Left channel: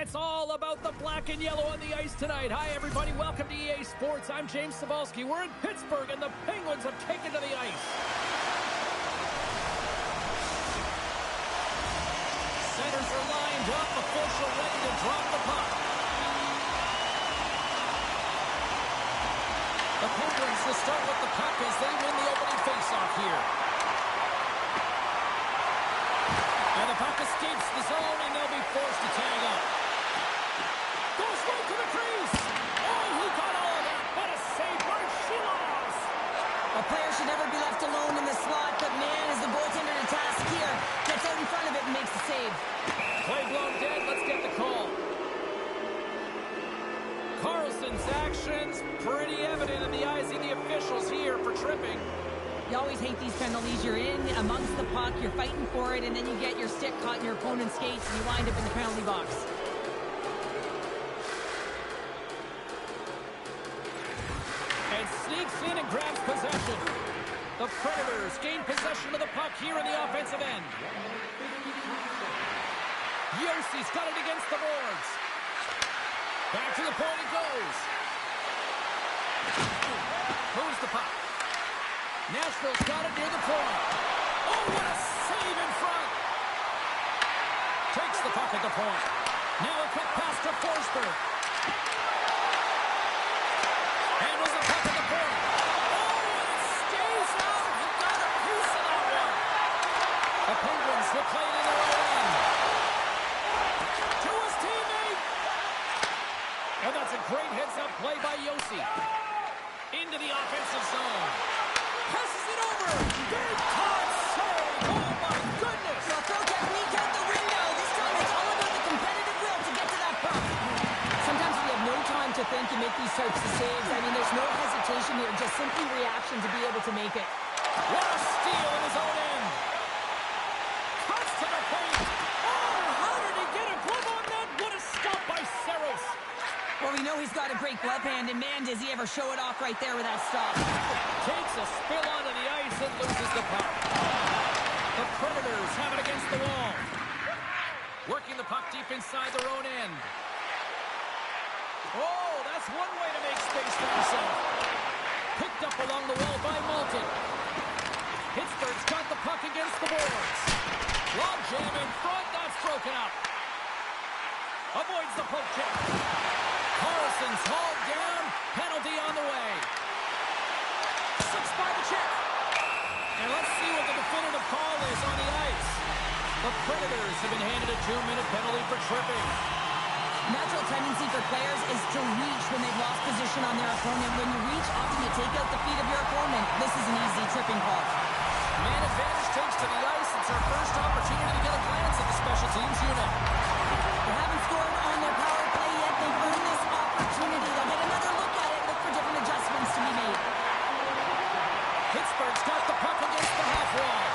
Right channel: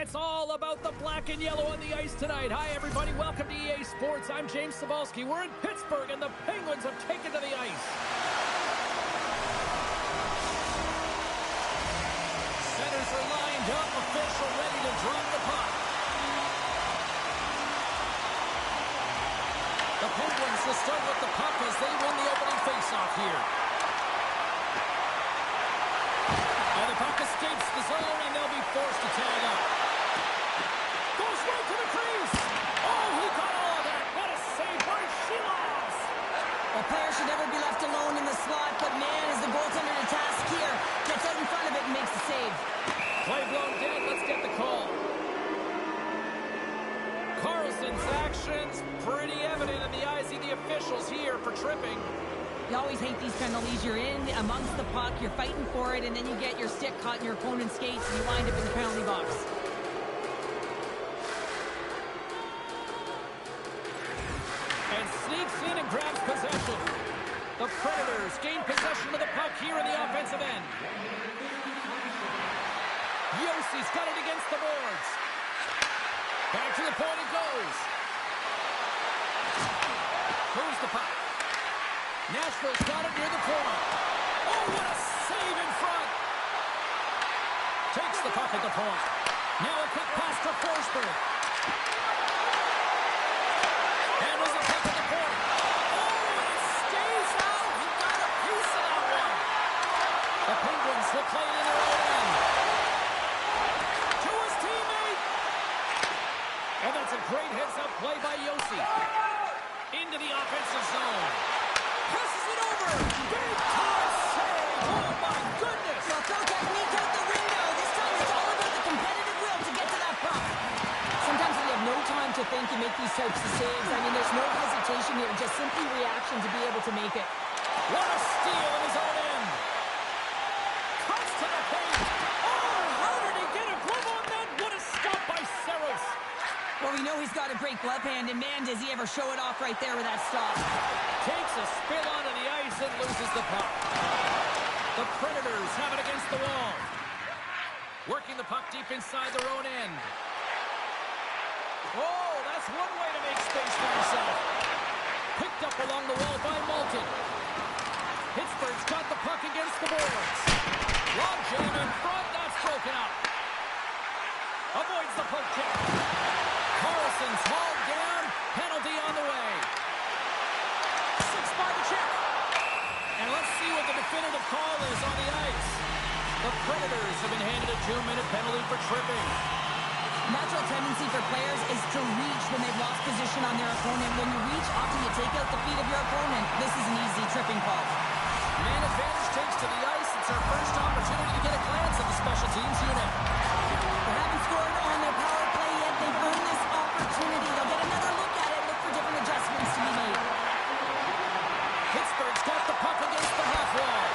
It's all about the black and yellow on the ice tonight. Hi, everybody. Welcome to EA Sports. I'm James Cybulski. We're in Pittsburgh, and the Penguins have taken to the ice. Centers are lined up. Official ready to drop the puck. The Penguins will start with the puck as they win the opening faceoff here. And the puck escapes the zone, and they'll be forced to tag up. Goes right to the crease. Oh, he got all of that. What a save by Shilovs. A player should never be left alone in the slot, but man, is the goaltender to task here. Gets out in front of it and makes the save. Play blown dead. Let's get the call. Carlson's actions pretty evident in the eyes of the officials here for tripping. You always hate these penalties. You're in amongst the puck, you're fighting for it, and then you get your stick caught in your opponent's skates, and you wind up in the penalty box. And sneaks in and grabs possession. The Predators gain possession of the puck here in the offensive end. Yossi's got it against the boards. Back to the point it goes. Moves the puck. Nashville's got it near the point. Oh, what a save in front. Takes the puck at the point. Now a quick pass to Forsberg. Handles the puck at the point. Oh, and it stays out. He got a piece of that one. The Penguins will play it in their own end. To his teammate. And that's a great heads-up play by Josi. Into the offensive zone. Passes it over. Big time save. Oh, my goodness. Well, throw technique out the window. This time it's all about the competitive will to get to that puck. Sometimes when you have no time to think, you make these types of saves. I mean, there's no hesitation here. Just simply reaction to be able to make it. What a steal in his own end. Cuts to the paint. Oh, how did he get a glove on that? What a stop by Saros. Well, we know he's got a great glove hand, and man, does he ever show it off right there with that stop. Takes a spill onto the ice and loses the puck. The Predators have it against the wall. Working the puck deep inside their own end. Oh, that's one way to make space for yourself. Picked up along the wall by Malkin. Pittsburgh's got the puck against the boards. Long jam in front, that's broken up. Avoids the poke check. Carlson's hauled down. Penalty on the way. 6 by the check. And let's see what the definitive call is on the ice. The Predators have been handed a 2-minute penalty for tripping. Natural tendency for players is to reach when they've lost position on their opponent. When you reach, often you take out the feet of your opponent. This is an easy tripping call. Man advantage takes to the ice. It's our first opportunity to get a glance at the special teams unit. They haven't scored on their power play yet. They've earned this opportunity. They'll get another look at it, look for different adjustments to be made. Pittsburgh's got the puck against the half wall.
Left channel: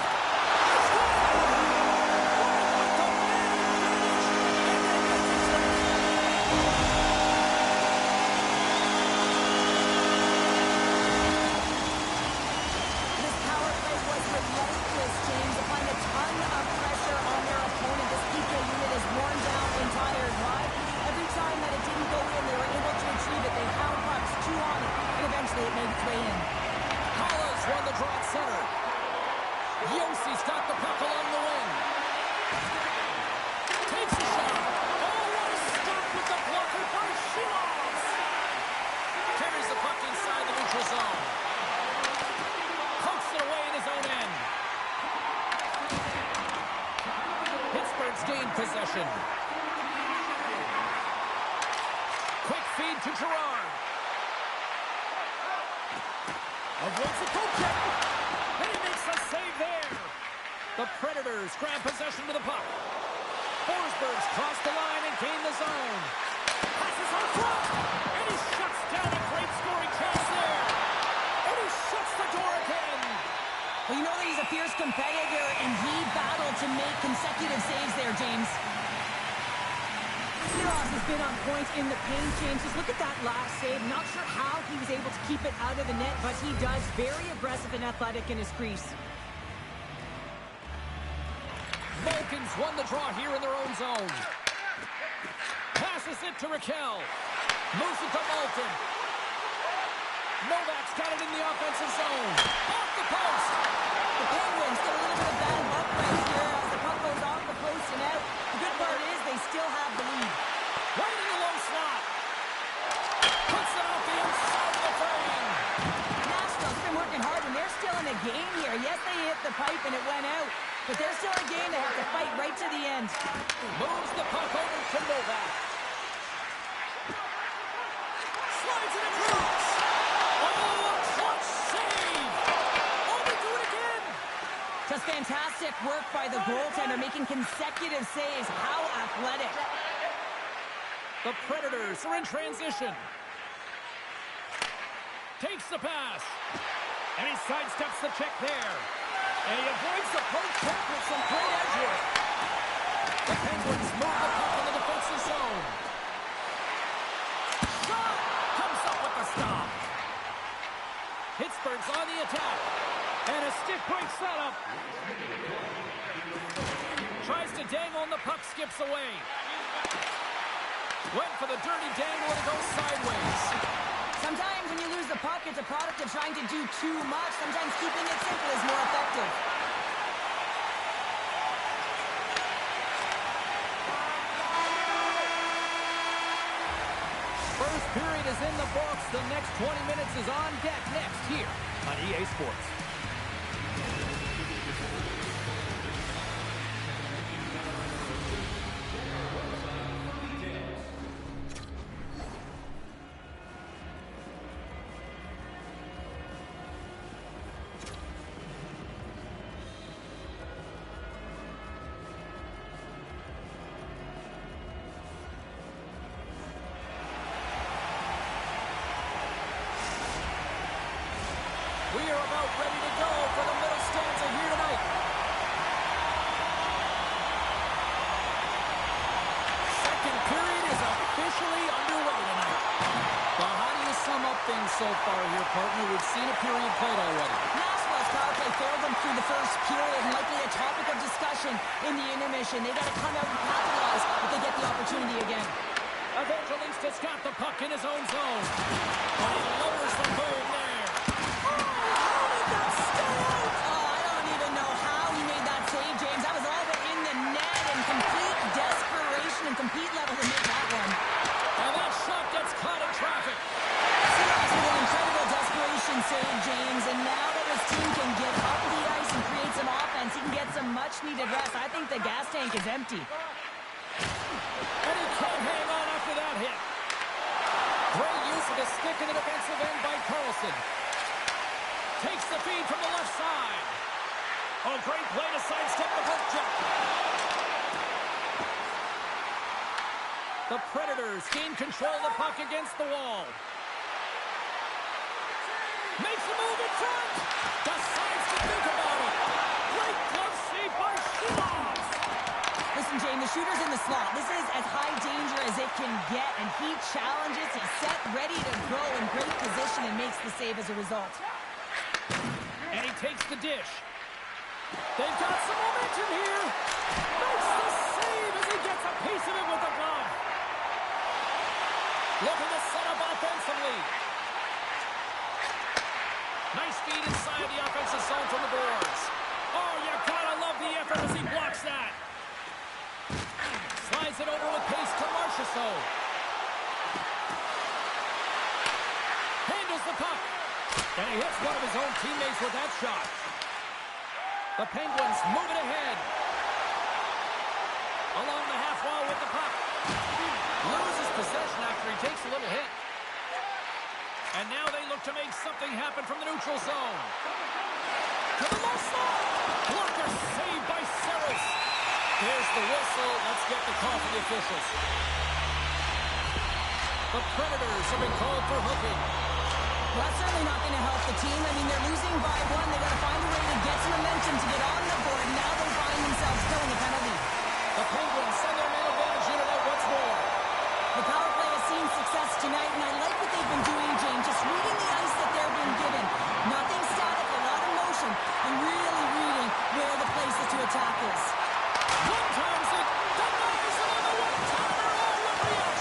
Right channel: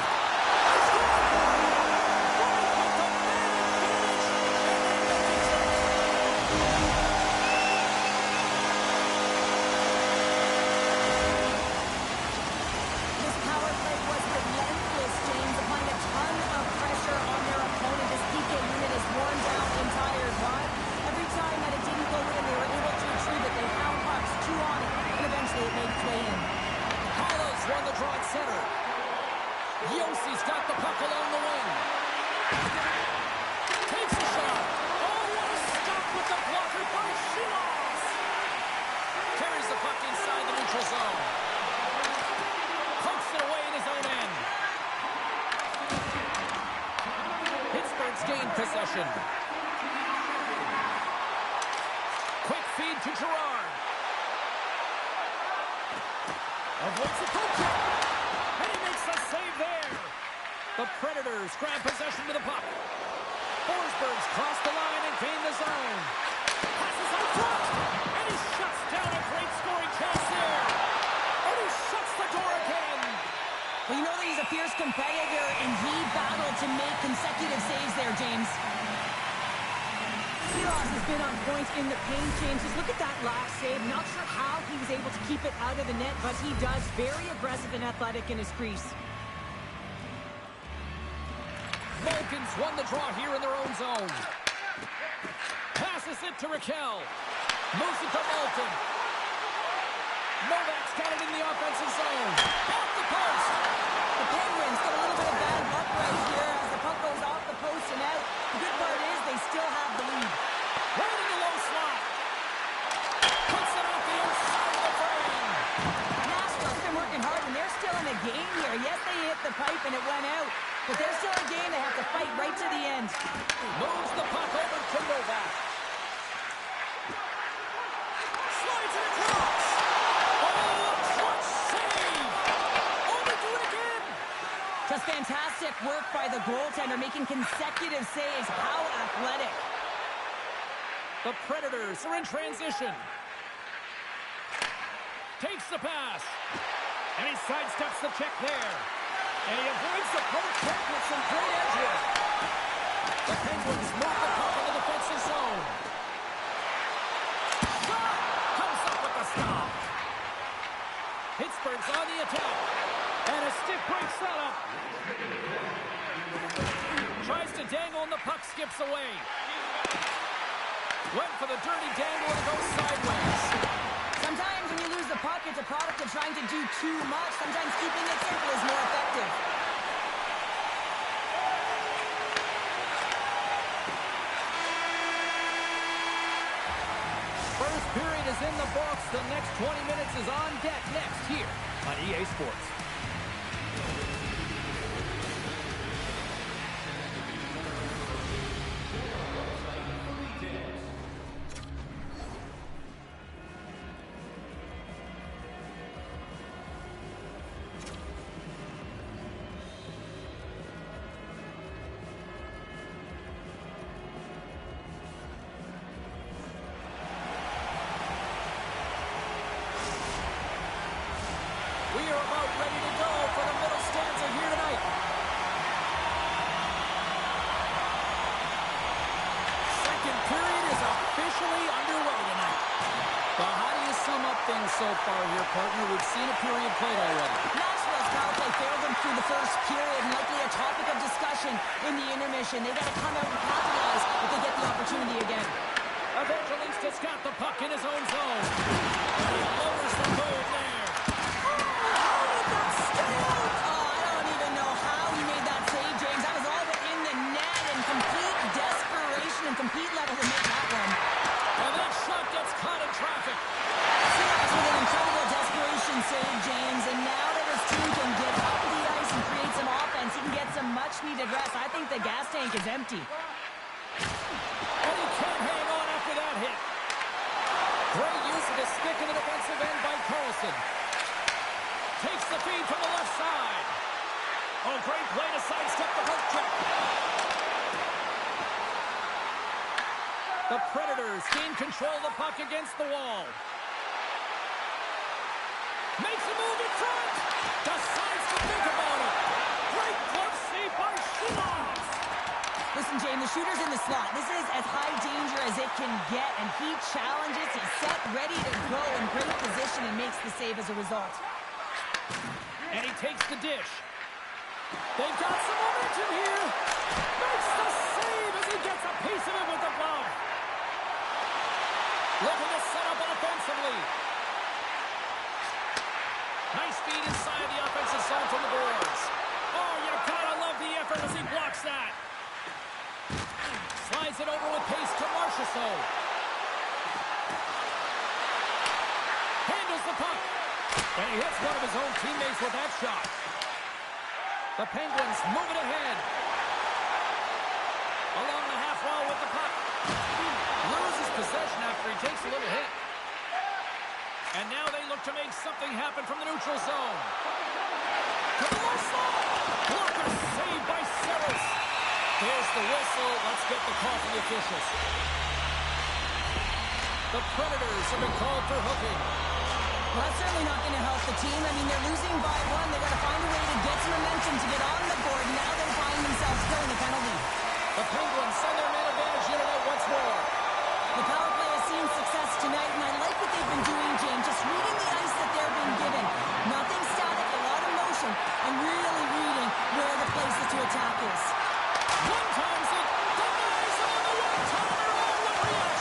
This power play was relentless, James, applying a ton of pressure on their opponent. This PK unit is worn down and tired. Why? Every time that it didn't go in, they were able to retrieve it. They hound pucks, chew on it, and eventually it made its way in. Hollis won the draw at center. Yossi's got the puck along the wing. Takes a shot. Oh, what a stop with the blocker by Shilovs. Carries the puck inside the neutral zone. Pokes it away in his own end. Pittsburgh's gained possession. Quick feed to Girard. Avoids the poke check. And he makes a save there. The Predators grab possession to the puck. Forsberg's crossed the line and gained the zone. Passes on front. And he shuts down a great scoring chance there. And he shuts the door again. Well, you know that he's a fierce competitor, and he battled to make consecutive saves there, James. Shilovs has been on point in the paint, James. Just look at that last save. Not sure how he was able to keep it out of the net, but he does. Very aggressive and athletic in his crease. Vulcans won the draw here in their own zone. Passes it to Raquel. Moves it to Malton. Novak's got it in the offensive zone. Off the post. The Penguins get a little bit of bad luck right here as the puck goes off the post and out. The good part is they still have the lead. Right in the low slot. Puts it off the inside of the frame. Nashville's been working hard and they're still in a game here. Yes, they hit the pipe and it went out. But they're still in a game. They have to fight right to the end. Moves the puck over to Novak. Slides it across. Oh, a clutch save. Oh, they do it again. Just fantastic work by the goaltender, making consecutive saves. How athletic. The Predators are in transition. Takes the pass. And he sidesteps the check there. And he avoids the poke check with some great edge here. The Penguins move the puck in the defensive zone. Shot! Comes up with the stop. Pittsburgh's on the attack. And a stiff break setup. Tries to dangle and the puck skips away. Went for the dirty dangle and it goes sideways. Sometimes when you lose the puck, it's a product of trying to do too much. Sometimes keeping it simple is more effective. First period is in the books. The next 20 minutes is on deck next here on EA Sports. We are about ready to go for the middle stanza here tonight. Second period is officially underway tonight. Well, how do you sum up things so far here, partner? We've seen a period played already. Nashville's power play failed them through the first period and likely a topic of discussion in the intermission. They got to come out and capitalize if they get the opportunity again. Evangelista's got the puck in his own zone. And he lowers the boom there. And compete level to make that one. And that shot gets caught in traffic. Seahawks with an incredible desperation save, James. And now that his team can get up the ice and create some offense, he can get some much-needed rest. I think the gas tank is empty. And he can't hang on after that hit. Great use of his stick in the defensive end by Carlson. Takes the feed from the left side. Oh, great play to sidestep the poke check. The Predators gain control of the puck against the wall. Makes a move in front. Decides to think about it. Great glove save by Schultz. Listen, James, the shooter's in the slot. This is as high danger as it can get, and he challenges. He's set, ready to go in great position, and makes the save as a result. And he takes the dish. They've got some momentum here. Makes the save as he gets a piece of it with the glove. Looking to set up offensively. Nice feed inside the offensive zone from the boards. Oh, you gotta love the effort as he blocks that. Slides it over with pace to Marchessault. Handles the puck. And he hits one of his own teammates with that shot. The Penguins move it ahead. Along the half wall with the puck. Loses possession after he takes a little hit. And now they look to make something happen from the neutral zone. To the low slot. Blocker saved by Saros. There's the whistle. Let's get the call from the officials. The Predators have been called for hooking. Well, that's certainly not going to help the team. I mean, they're losing by one. They got to find a way to get some momentum to get on the board. Now they find themselves killing a penalty. The Penguins send their man advantage unit out once more. The power play has seen success tonight, and I like what they've been doing, James. Just reading the ice that they're being given. Nothing static, a lot of motion, and really reading where the places to attack is. One times it, denies him on the one-timer. Oh, what reaction!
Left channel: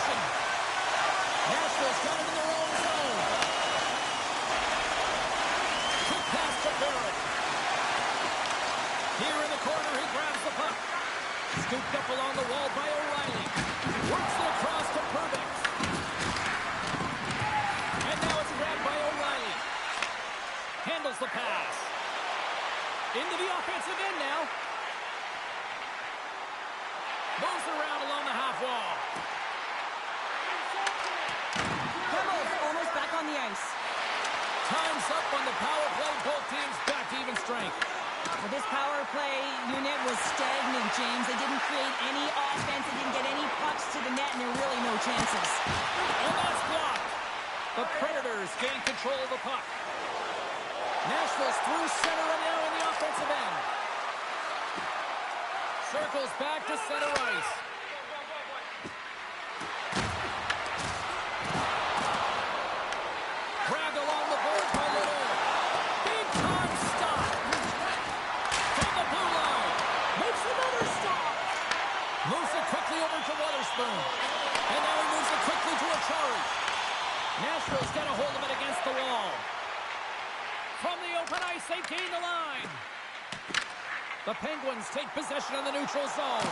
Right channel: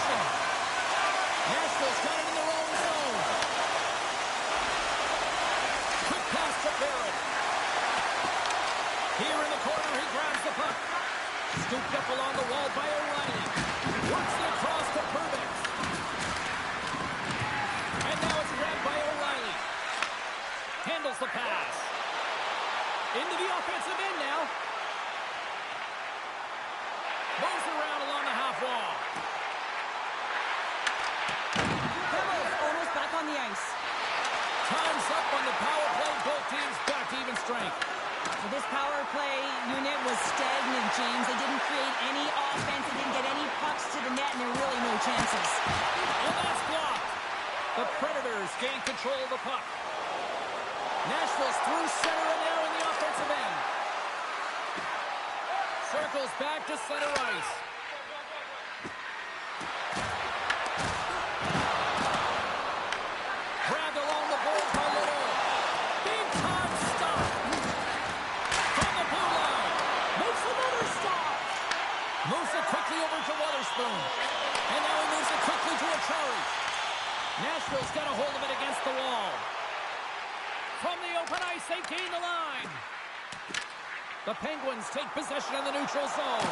Scooped up along the wall by O'Reilly. Works it across to Perbix. And now it's grabbed by O'Reilly. Handles the pass. Into the offensive end now. Moves around along the half wall. Pebbles almost back on the ice. Time's up on the power play. Both teams back to even strength. Well, this power play unit was stagnant, James. They didn't create any offense. They didn't get any pucks to the net, and there were really no chances. And that's blocked. The Predators gain control of the puck. Nashville's through center and now in the offensive end. Circles back to center ice. Grabbed along the boards by Little. Big time stop. From the blue line. Makes another stop. Moves it quickly over to Wotherspoon. And now he moves it quickly to Achari. Nashville's got a hold of it against the wall. From the open ice, they gain the line. The Penguins take possession in the neutral zone.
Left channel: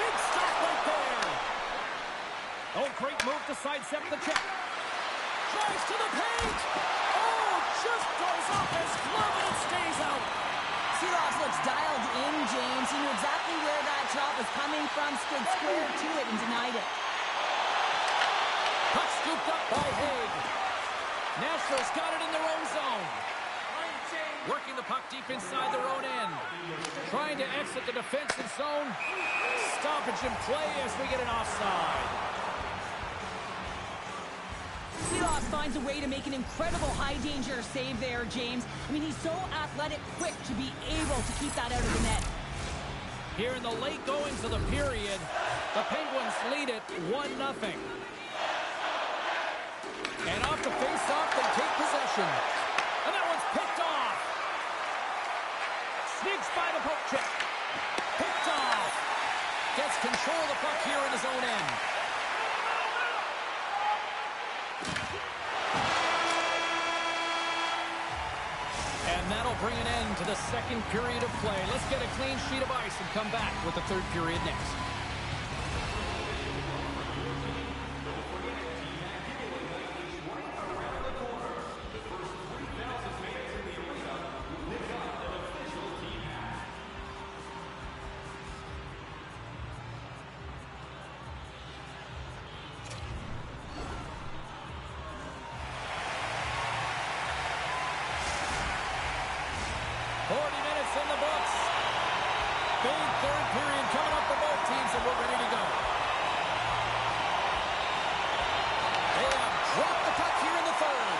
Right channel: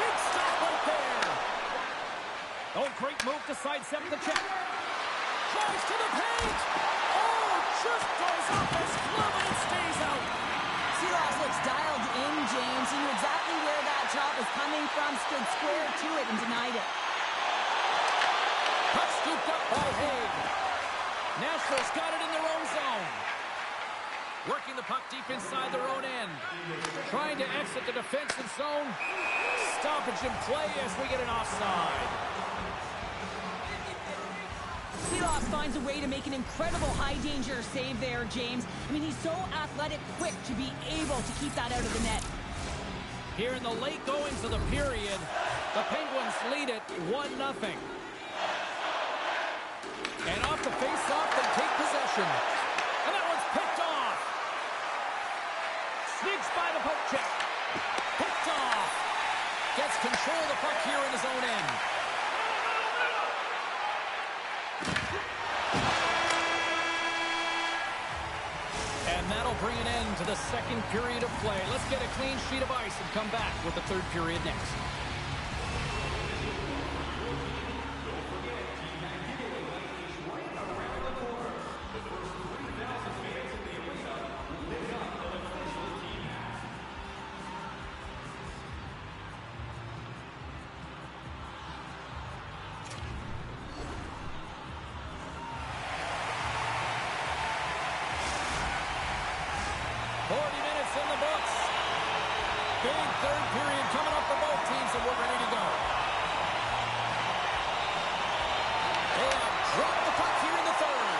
Big stop right there. Oh, great move to sidestep the check. Drives to the paint. Oh, just goes off his glove and it stays out. Seeloff looks dialed in, James. He knew exactly where that shot was coming from, stood square to it, and denied it. Puck scooped up by Haig. Nashville's got it in their own zone. Working the puck deep inside their own end. Trying to exit the defensive zone. Stoppage in play as we get an offside. Seeloff finds a way to make an incredible high-danger save there, James. I mean, he's so athletic, quick to be able to keep that out of the net. Here in the late goings of the period, the Penguins lead it 1-0. And off the face-off, they take possession. And that one's picked off. Sneaks by the poke check. Picked off. Gets control of the puck here in his own end. And that'll bring an end to the second period of play. Let's get a clean sheet of ice and come back with the third period next. In the books. Big third period coming up for both teams, and we're ready to go. They have dropped the puck here in the third.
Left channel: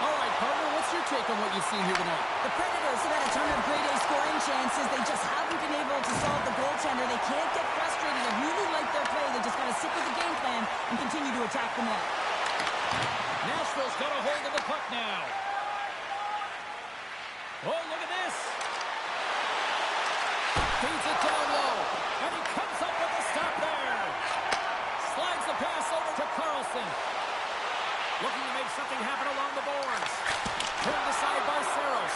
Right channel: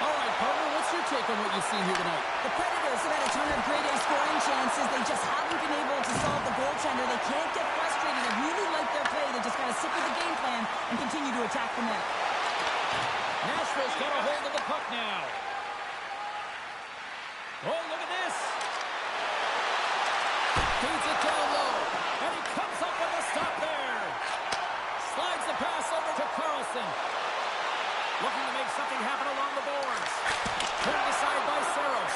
All right, partner, what's your take on what you've seen here tonight? The Predators have had a ton of grade A scoring chances. They just haven't been able to solve the goaltender. They can't get frustrated. I really like their play. They just got to stick with the game plan and continue to attack the net. Nashville's got a hold of the puck now. Oh, look at this. Feeds it down low. And he comes up with a stop there. Slides the pass over to Carlson. Looking to make something happen along the boards. Turned aside by Saros.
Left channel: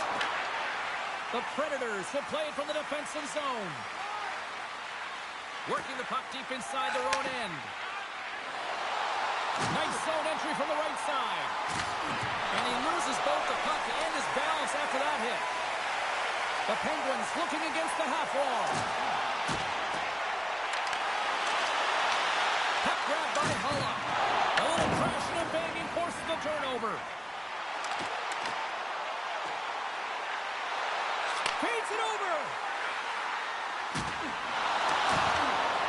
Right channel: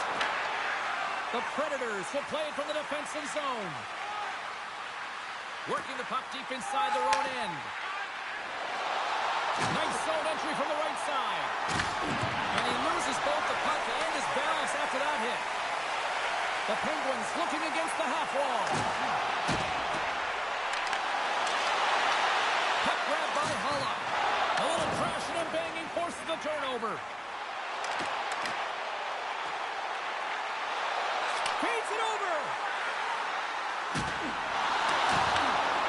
The Predators will play it from the defensive zone. Working the puck deep inside their own end. Nice zone entry from the right side. And he loses both the puck and his balance after that hit. The Penguins looking against the half wall. Puck grabbed by Hulla. A little crashing and banging forces the turnover. Feeds it over.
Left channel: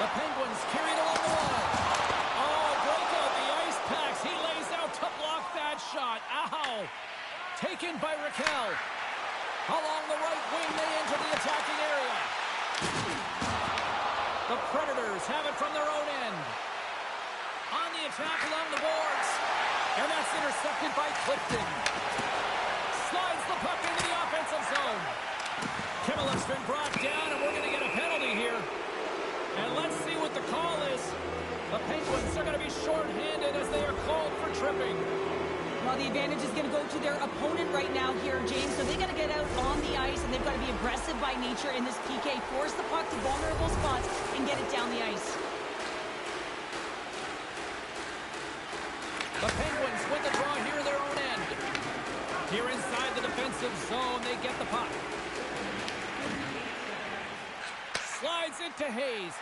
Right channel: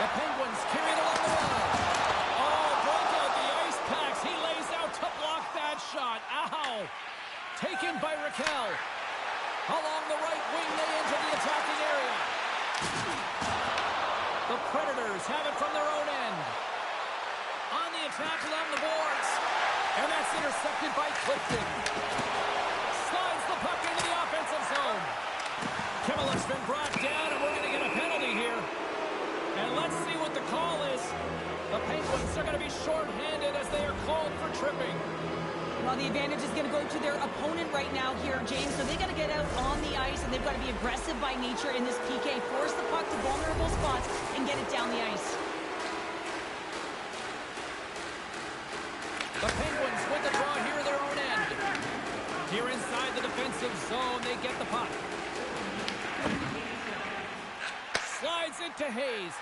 The Penguins carry it along the wall. Oh, break out the ice packs. He lays out to block that shot. Ow. Taken by Raquel. Along the right wing, they enter the attacking area. The Predators have it from their own end. On the attack along the boards. And that's intercepted by Clifton. Slides the puck into the offensive zone. Kimmel's been brought down, and we're going to get a penalty here. And let's see what the call is. The Penguins are going to be shorthanded as they are called for tripping. Well, the advantage is going to go to their opponent right now here, James. So they got to get out on the ice, and they've got to be aggressive by nature in this PK. Force the puck to vulnerable spots and get it down the ice. The Penguins with the draw here in their own end. Here inside the defensive zone, they get the puck. Slides into Hayes.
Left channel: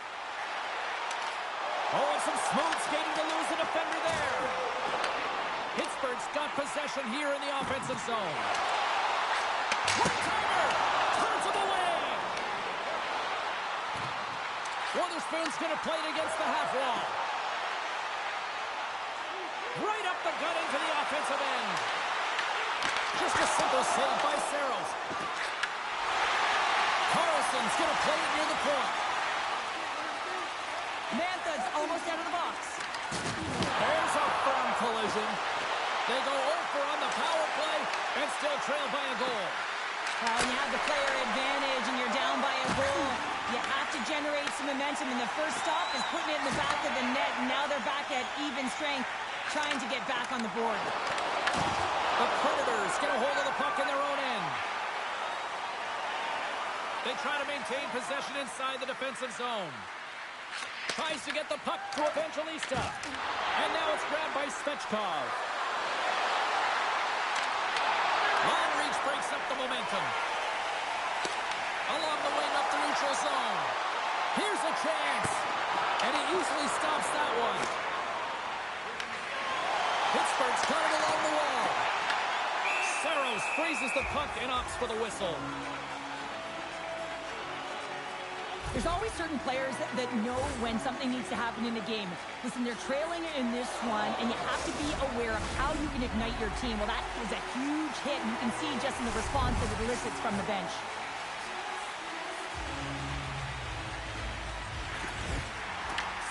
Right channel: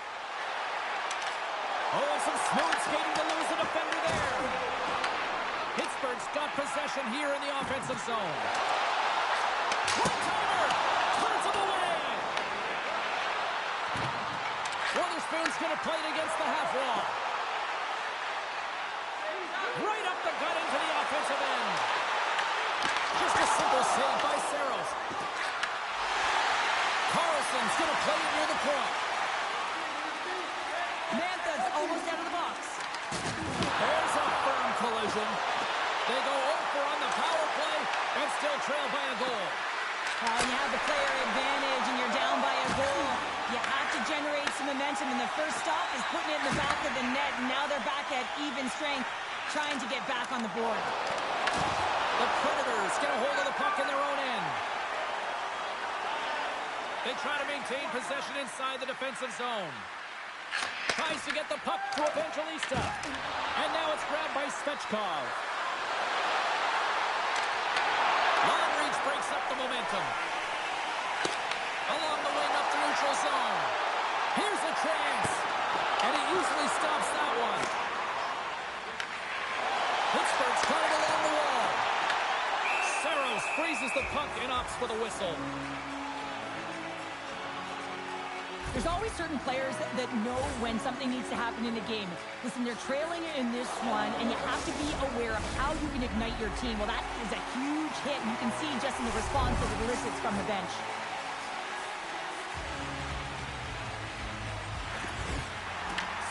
Oh, and some smooth skating to lose the defender there. Pittsburgh's got possession here in the offensive zone. One-timer! Turns him away! Witherspoon's going to play it against the half wall. Right up the gut into the offensive end. Just a simple save by Saros. Carlson's going to play it near the point. Mantha's almost out of the box. There's a firm collision. They go over on the power play and still trail by a goal. Well, when you have the player advantage and you're down by a goal, you have to generate some momentum. And the first stop is putting it in the back of the net. And now they're back at even strength, trying to get back on the board. The Predators get a hold of the puck in their own end. They try to maintain possession inside the defensive zone. Tries to get the puck to Evangelista. And now it's grabbed by Svechkov. Long reach breaks up the momentum. Along the wing up the neutral zone. Here's a chance. And he easily stops that one. Pittsburgh's got it along the wall. Saros freezes the puck and opts for the whistle. There's always certain players that know when something needs to happen in a game. Listen, they're trailing in this one, and you have to be aware of how you can ignite your team. Well, that is a huge hit, and you can see just in the response that it elicits from the bench.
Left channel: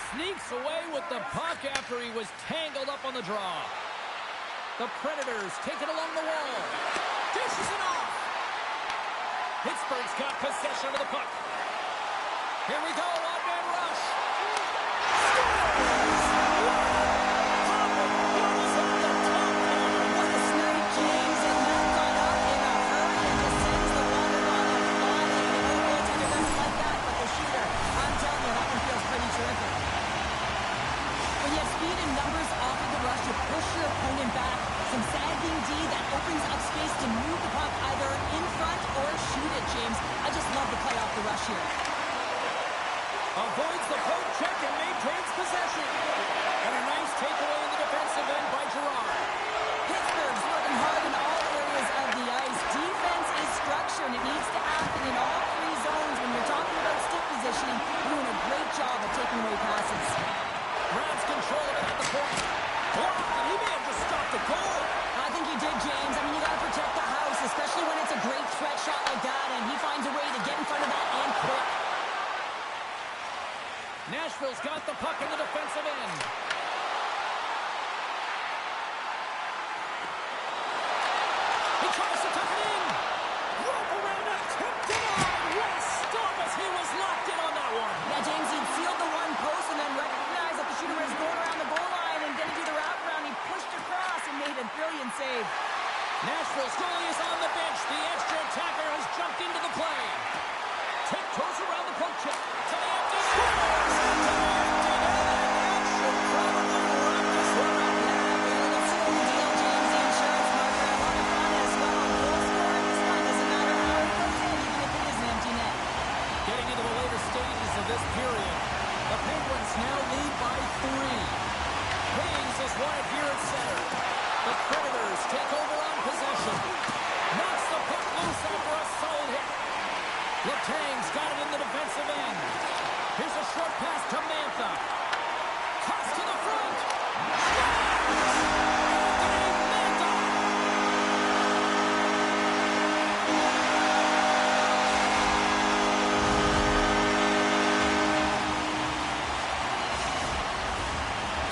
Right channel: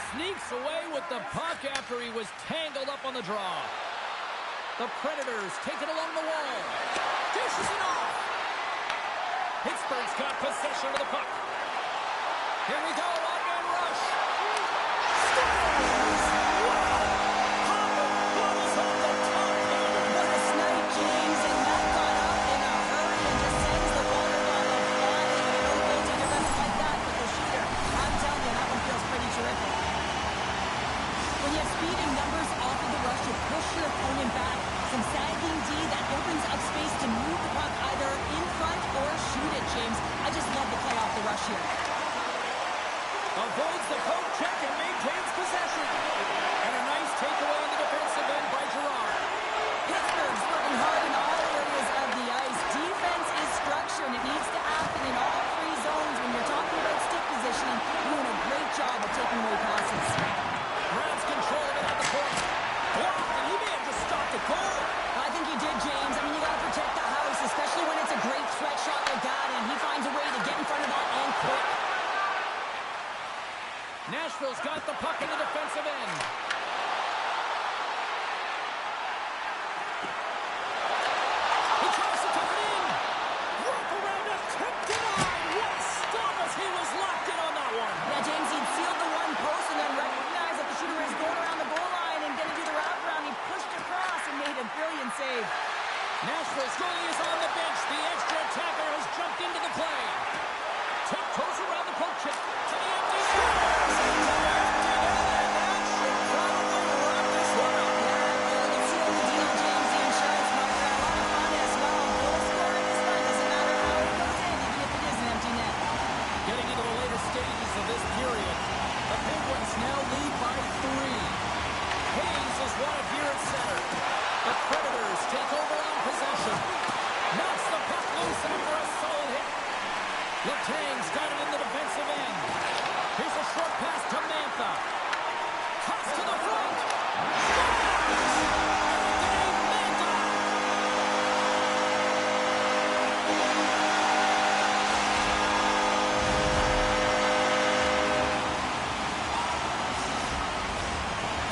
Sneaks away with the puck after he was tangled up on the draw. The Predators take it along the wall. Dishes it off. Pittsburgh's got possession of the puck. Here we go, one-man rush. Scores! Wow! Popping bubbles on the top corner. What a snipe, James, and that got up in a hurry and just sends the water bottle flying. And no goaltender doesn't like that, but the shooter, I'm telling you, that one feels pretty terrific. When you have speed and numbers off of the rush, you push your opponent back. Some sagging D that opens up space to move the puck either in front or shoot it, James. I just love the play off the rush here. Avoids the poke check and maintains possession. And a nice takeaway in the defensive end by Girard. Pittsburgh's working hard in all areas of the ice. Defense is structure, and it needs to happen in all three zones. When you're talking about stick positioning, doing a great job of taking away passes. Grabs control of it at the point. Blocked, and he may have just stopped the goal. I think he did, James. I mean, you got to protect the house, especially when it's a great stretch shot like that, and he finds a way to get in front of that and quick. Nashville's got the puck in the defensive end. He tries to tuck it in. Rope around a tip denied. What a stop as he was locked in on that one. Yeah, James, he'd sealed the one post and then recognized that the shooter is going around the goal line and going to do the wraparound. He pushed across and made a brilliant save. Nashville's goalie is on the bench. The extra attacker has jumped into the play. Tiptoes around the poke check to the empty net. Scores into the empty net, and that should probably wrap this one up. Yeah, really sealed the deal, James. The insurance marker. A lot of fun as well. Goal scoring is fun. Doesn't matter how it goes in, even if it is an empty net. Getting into the later stages of this period, the Penguins now lead by 3. Hayes is wanted here at center. The Predators take over on possession. Knocks the puck loose after a solid hit. Letang's got it in the defensive end. Here's a short pass to Mantha. Toss to the front. Scores! Anthony Mantha!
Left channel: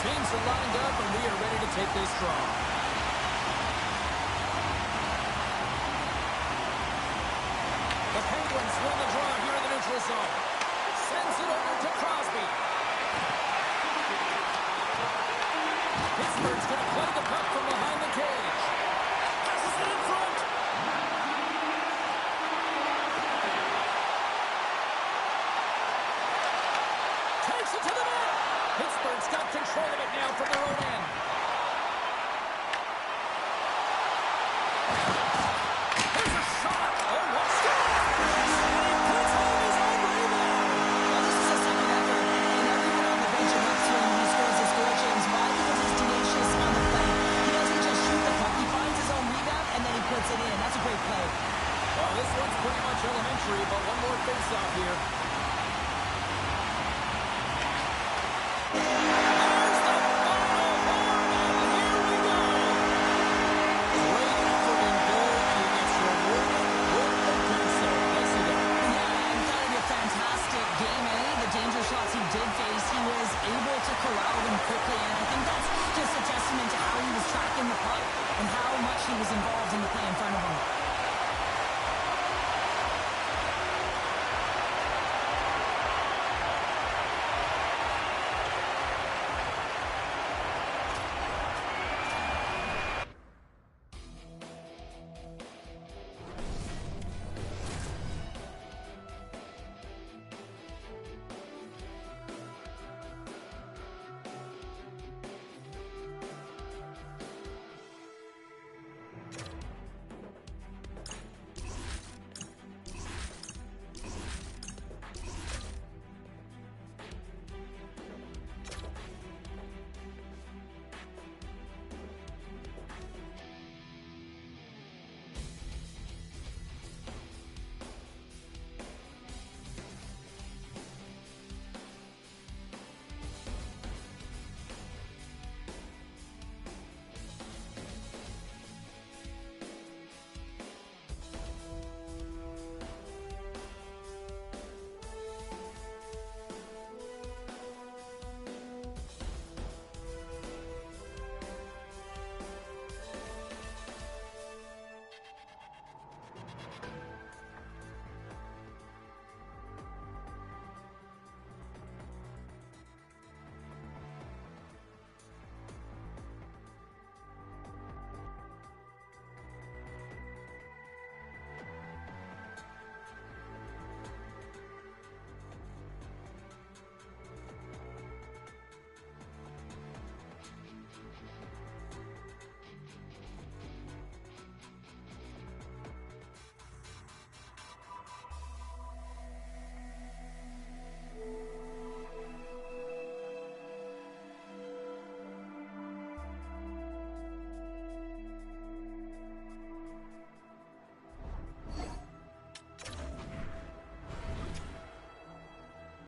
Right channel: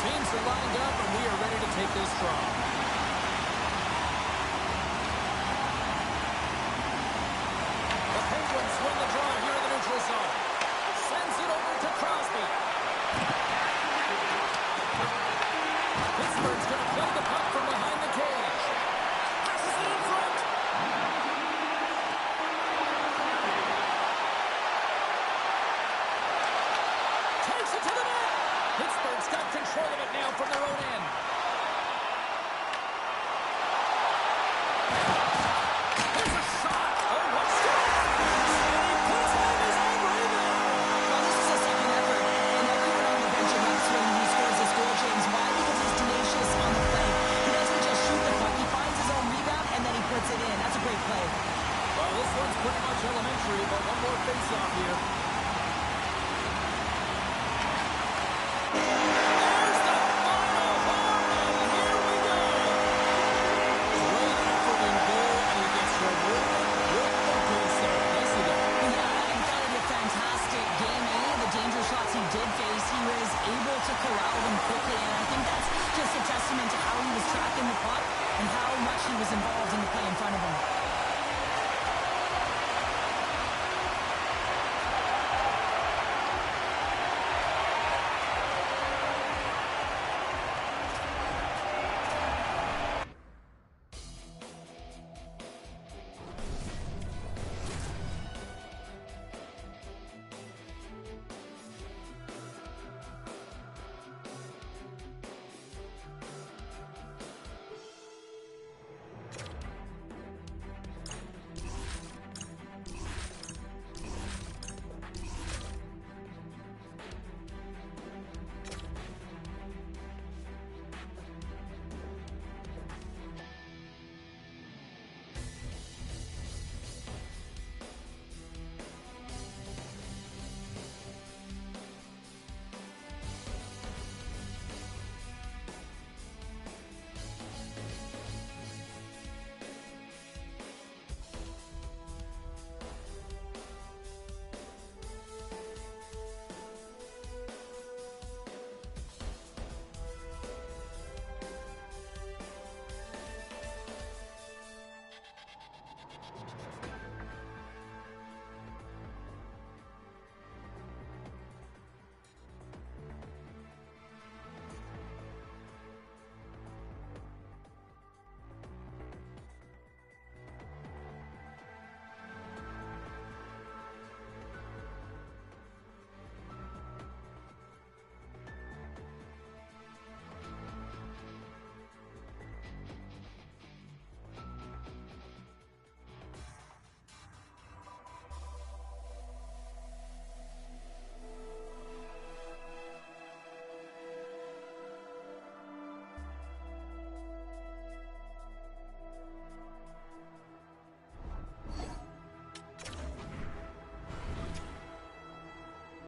Teams are lined up, and we are ready to take this draw. The Penguins win the draw here in the neutral zone. Sends it over to Crosby. Pittsburgh's going to play the puck from behind the cage. Pittsburgh's got control of it now from their own end. There's a shot. Oh, what score! And he puts home his own rebound. Well, this is a second effort, and everyone on the bench erupts when he scores this goal, James. Why? Because he's tenacious on the play. He doesn't just shoot the puck. He finds his own rebound, and then he puts it in. That's a great play. Well, this one's pretty much elementary, but one more face-off here. There's the final horn, and here we go. Great effort in goal, and he gets rewarded with the goal save. Nicely done. Yeah, and kind of a fantastic game. And any of the danger shots he did face, he was able to corral them quickly. And I think that's just a testament to how he was tracking the puck and how much he was involved in the play in front of him.